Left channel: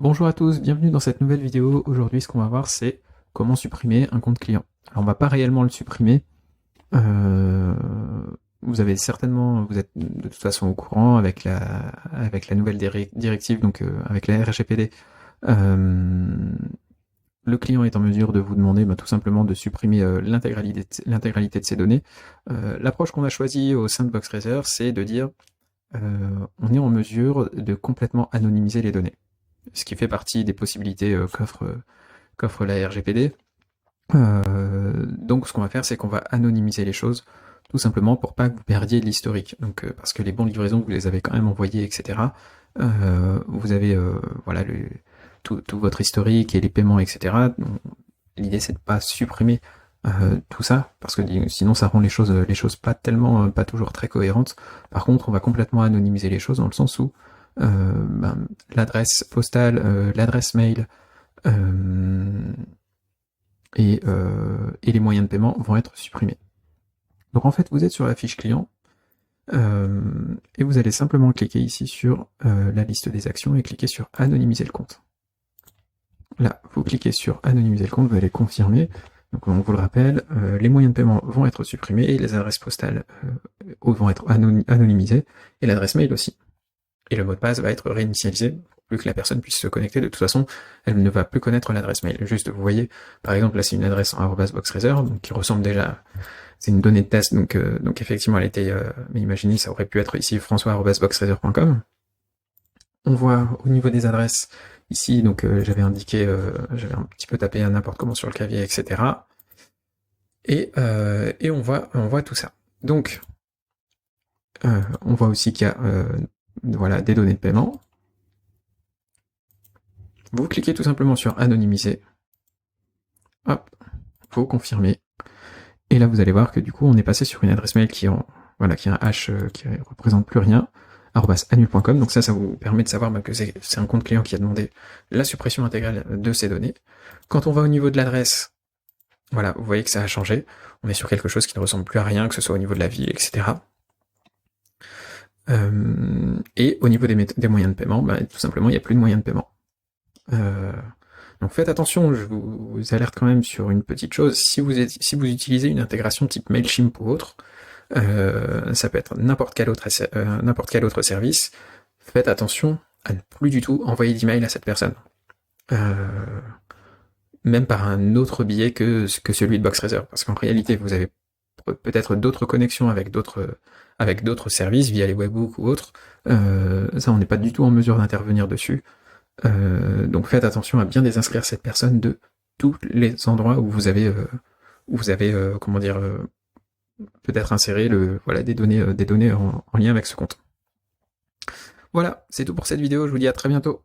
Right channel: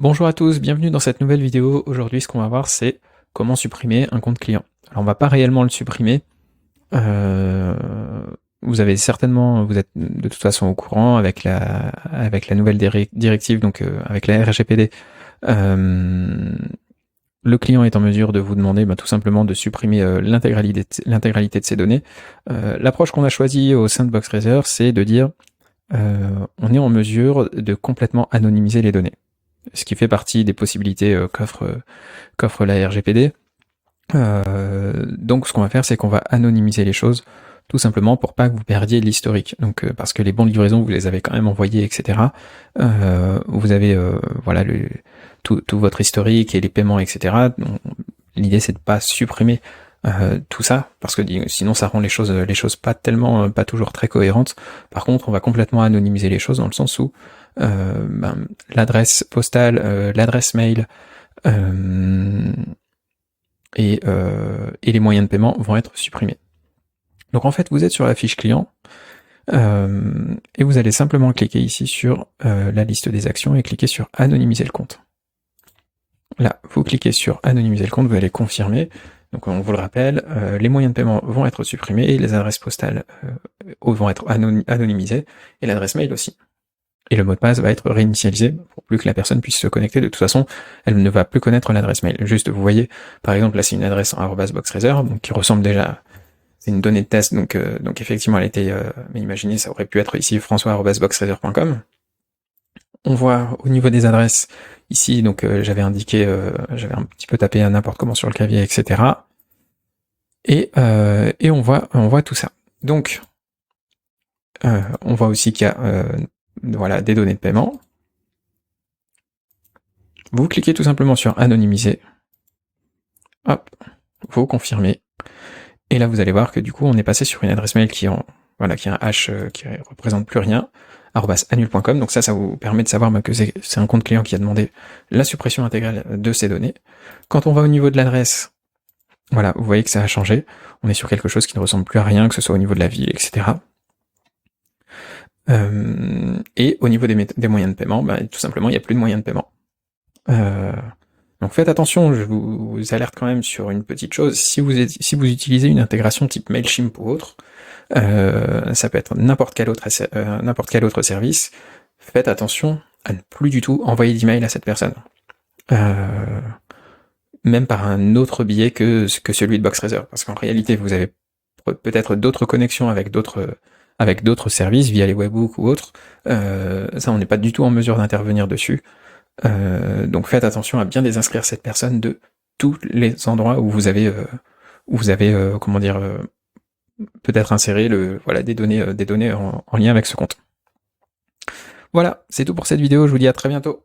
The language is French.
Bonjour à tous, bienvenue dans cette nouvelle vidéo. Aujourd'hui, ce qu'on va voir, c'est comment supprimer un compte client. Alors, on va pas réellement le supprimer. Euh, Vous avez certainement, vous êtes de toute façon au courant avec la nouvelle directive, donc avec la RGPD. euh, le client est en mesure de vous demander tout simplement de supprimer l'intégralité de ses données. L'approche qu'on a choisie au sein de BoxRaiser, c'est de dire on est en mesure de complètement anonymiser les données, ce qui fait partie des possibilités qu'offre la RGPD. Donc ce qu'on va faire, c'est qu'on va anonymiser les choses, tout simplement pour pas que vous perdiez l'historique. Donc parce que les bons de livraison, vous les avez quand même envoyés, etc. Vous avez voilà tout votre historique et les paiements, etc. L'idée c'est de pas supprimer tout ça, parce que sinon ça rend les choses pas tellement, pas toujours très cohérentes. Par contre, on va complètement anonymiser les choses dans le sens où l'adresse postale, l'adresse mail, euh, et les moyens de paiement vont être supprimés. Donc en fait, vous êtes sur la fiche client, et vous allez simplement cliquer ici sur la liste des actions et cliquer sur anonymiser le compte. Là, vous cliquez sur anonymiser le compte, vous allez confirmer. Donc on vous le rappelle, les moyens de paiement vont être supprimés, et les adresses postales vont être anonymisées, et l'adresse mail aussi. Et le mot de passe va être réinitialisé pour plus que la personne puisse se connecter. De toute façon, elle ne va plus connaître l'adresse mail. Juste, vous voyez, par exemple, là c'est une adresse en @boxraiser, donc qui ressemble déjà, c'est une donnée de test, donc effectivement elle était, mais imaginez, ça aurait pu être ici françois@boxraiser.com. On voit au niveau des adresses ici, donc j'avais indiqué, j'avais un petit peu tapé à n'importe comment sur le clavier, etc. Et on voit tout ça. Donc, on voit aussi qu'il y a voilà, des données de paiement. Vous cliquez tout simplement sur anonymiser. Hop, vous confirmez. Et là, vous allez voir que du coup, on est passé sur une adresse mail qui voilà, qui a un hash qui représente plus rien, @annual.com. Donc ça vous permet de savoir que c'est un compte client qui a demandé la suppression intégrale de ces données. Quand on va au niveau de l'adresse, voilà, vous voyez que ça a changé. On est sur quelque chose qui ne ressemble plus à rien, que ce soit au niveau de la ville, etc. Et au niveau des moyens de paiement, tout simplement, il n'y a plus de moyens de paiement. Donc faites attention, je vous alerte quand même sur une petite chose. Si vous utilisez une intégration type Mailchimp ou autre, ça peut être n'importe quel autre service, faites attention à ne plus du tout envoyer d'email à cette personne. Même par un autre biais que celui de BoxRaiser, parce qu'en réalité, vous avez peut-être d'autres connexions avec d'autres services, via les webhooks ou autres. Ça, on n'est pas du tout en mesure d'intervenir dessus. Donc faites attention à bien désinscrire cette personne de tous les endroits où vous avez comment dire, peut-être inséré voilà, des données en lien avec ce compte. Voilà, c'est tout pour cette vidéo, je vous dis à très bientôt.